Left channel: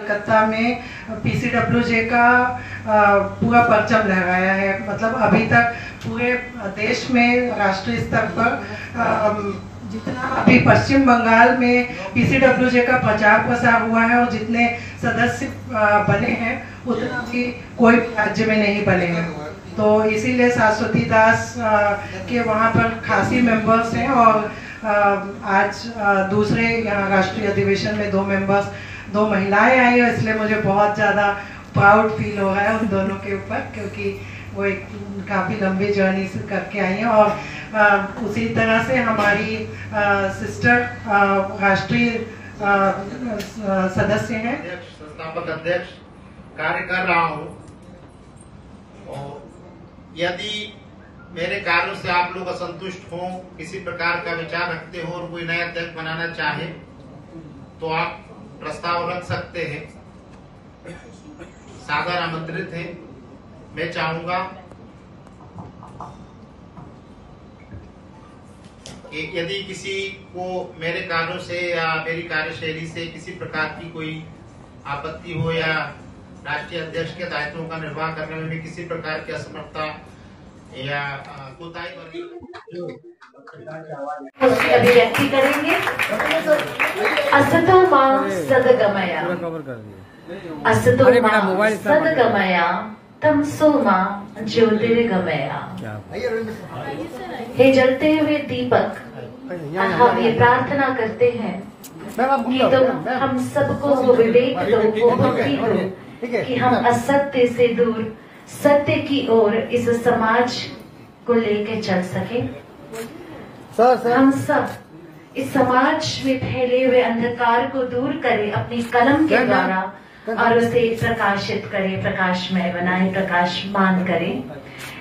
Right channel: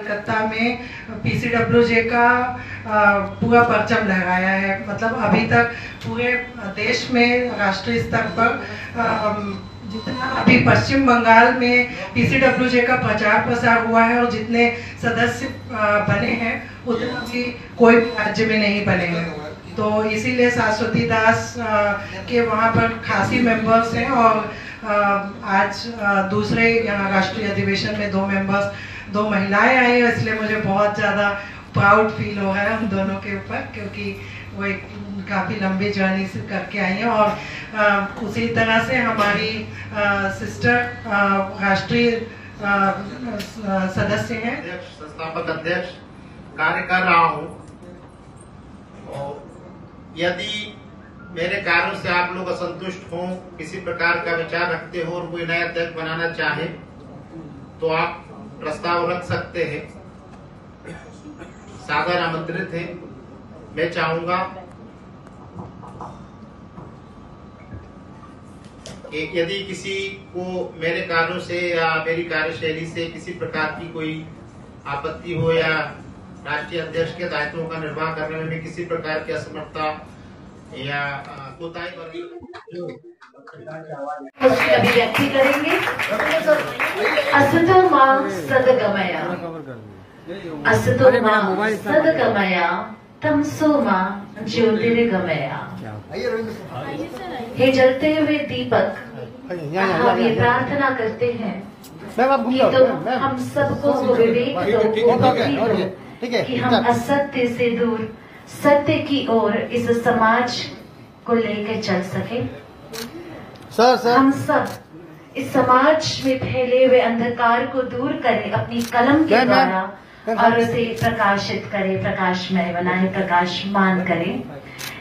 कलकत्ता में पीसीडब्ल्यूजे का पूरा परचम लहराया है। मतलब अभी तक पूरे देश में राष्ट्रीय स्तर पर जितना अभी पश्चिम बंगाल में पीसीडब्ल्यूजे का प्रचार प्रसार हुआ है और जितने सदस्य बने हैं उतना भी कोई राज्य में नहीं बने हैं। तो इसीलिए शाश्वती दास के वहाँ पर खासी मेंबर्स हैं और आज दूसरे यहाँ राष्ट्रीय अधिवेशन में दो महिलाएं आई हैं, इसलिए मुझे बहुत ज़्यादा प्राउड फील हो रहा है उन दोनों के ऊपर, क्योंकि वो एक काफ़ी लंबी जर्नी से करके आई हैं। और उसी तरह से हमारी सिस्टर राष्ट्रीय सदस्य हैं, संस्थापक अध्यक्ष कार्य कर रहा हूँ। और यदि मेरे कार्यों से आप लोग असंतुष्ट हों, किसी प्रकार का विचार रखते हो और कोई नया अध्यक्ष बनाना चाहे तो आप प्रस्ताव रख सकते हैं, सादर आमंत्रित हैं। मैं चाहूंगा कि यदि किसी को मेरे कार्यों से या मेरी कार्यशैली से किसी प्रकार की कोई आपत्ति हो या राष्ट्रीय अध्यक्ष के दायित्वों का निर्वाह करने में किसी प्रकार की असमर्थता या कोताही अभिव्यक्ति करेंगे। असतो मां सद्गमया, असतो मां सद्गमया, तमसो मां ज्योतिर्गमया। हे जलते हुए दीपक, हम ये प्रार्थना करते हैं कि तुम हम सबको वो विवेक दो, वो बुद्धि दो कि हम असत्य से दूर सत्य की ओर इस समाज को लेकर चल सके। हम सब इस समाज में फैले हुए अंधकार को दूर करें अपनी कलम के द्वारा और उसे प्रकाशित करें, प्रकाशमय बनाए, प्रकाशमान करें।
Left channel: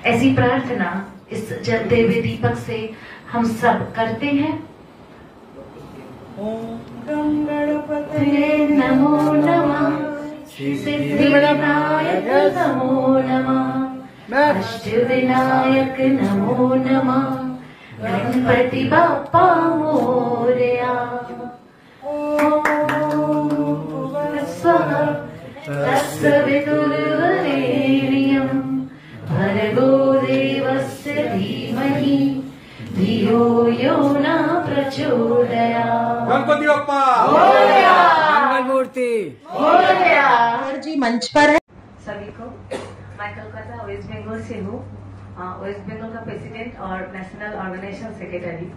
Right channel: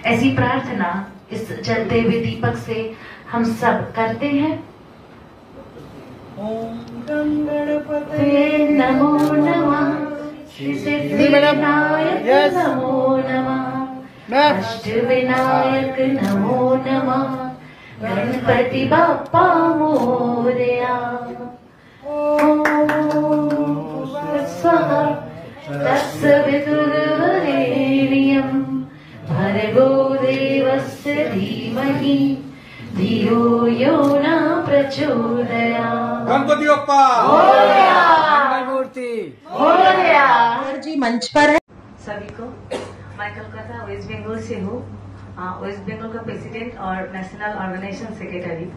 ऐसी प्रार्थना इस जलते हुए दीपक से हम सब करते हैं। ओम गणपते नमो नमः, सिद्धिविनायक नमो नमः, अष्टविनायक नमो नमः, गणपति बाप्पा मोरया। स्वाहा तत्सवितुर्वरेण्यं भर्गो देवस्य धीमहि धियो यो न प्रचोदयात्। गणपति बाप्पा मूर्ति जी मंच पर है। सभी को मैं कलकत्ता वेस्ट बंगाल से हूँ, वेस्ट बंगाल का प्रेसिडेंट और नेशनल ऑर्गेनाइजेशन सेक्रेटरी।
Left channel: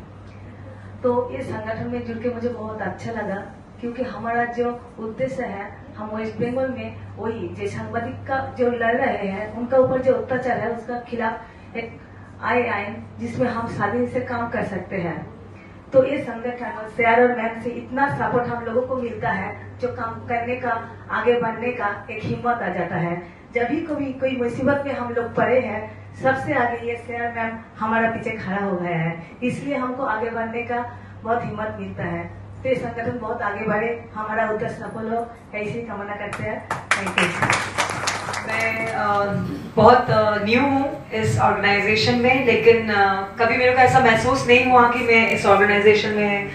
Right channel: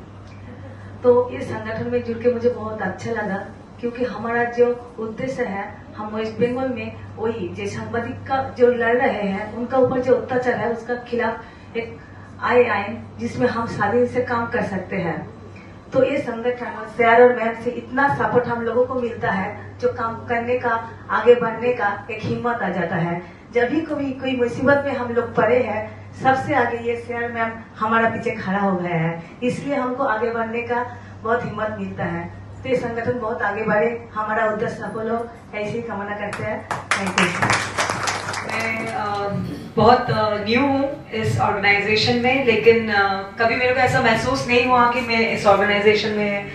तो इस संगठन में जुड़ के मुझे बहुत अच्छा लगा, क्योंकि हमारा जो उद्देश्य है, हम वेस्ट बंगाल में वही जो सांबादिक का जो लड़ रहे हैं उनका ऊपर जो अत्याचार है उसका खिलाफ एक आईन जिसमें हम स्वाधीन से काम कर सकते हैं। तो ये संगठन सर और मैम से इतना सपोर्ट हम लोगों को मिलता है, जो काम करने का, आगे बढ़ने का एक हिम्मत आ जाता है। जब भी कोई मुसीबत में हम लोग पड़े हैं, सबसे आगे ये सर मैम हमारा पीछे खड़ा हो गया है, इसलिए हमको आगे बढ़ने का बहुत हिम्मत मिलता है। तो ये संगठन बहुत आगे बढ़े, हमारा उद्देश्य सफल हो, ऐसी कामना करते हैं। Thank you. मैं बहुत न्यू हूँ इस ऑर्गेनाइजेशन में, लेकिन कभी मेरे को ऐसा महसूस नहीं हुआ कि मैं इस ऑर्गेनाइजेशन में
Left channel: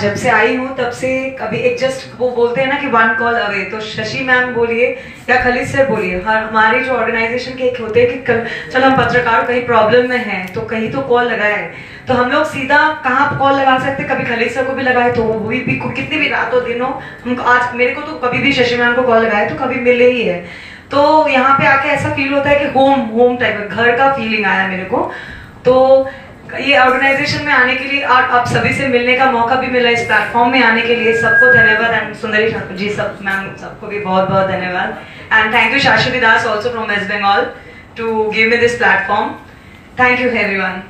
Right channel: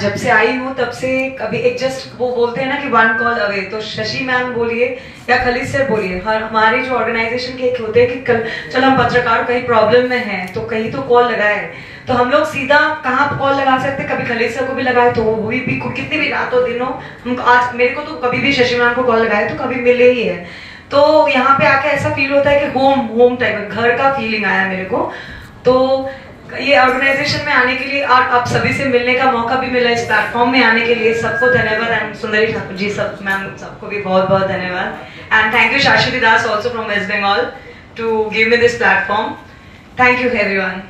जब से आई हूँ तब से कभी एक जस्ट वो बोलते हैं ना कि वन कॉल अवे, तो शशि मैम बोलिए या खलीद सर बोलिए, हमारे जो ऑर्गेनाइजेशन के एक होते हैं कि चल हम पत्रकार कहीं प्रॉब्लम में हैं तो कहीं तो कॉल लगाए, तो हम लोग सीधा कहाँ कॉल लगा सकते, कभी खलीद सर को भी लगाए तो वो भी कितनी भी रात हो दिन हो, हमको आज मेरे को तो कभी भी शशि मैम को कॉल लगाए तो कभी मिले ही है। तो यहाँ पे आके ऐसा फील होता है कि होम टाइप घर का फीलिंग आया मेरे को। तो ये ऑर्गेनाइजेशन में आने के लिए और आप सभी से मिलने का मौका भी मिला, इस प्लेटफॉर्म में आने के लिए सबको धन्यवाद। एंड सुंदरी ठाकुर जी सब मैम सबको भी बहुत बहुत धन्यवाद। And thank you Shashwati Das also from West Bengal to give me this platform. Thank you everyone.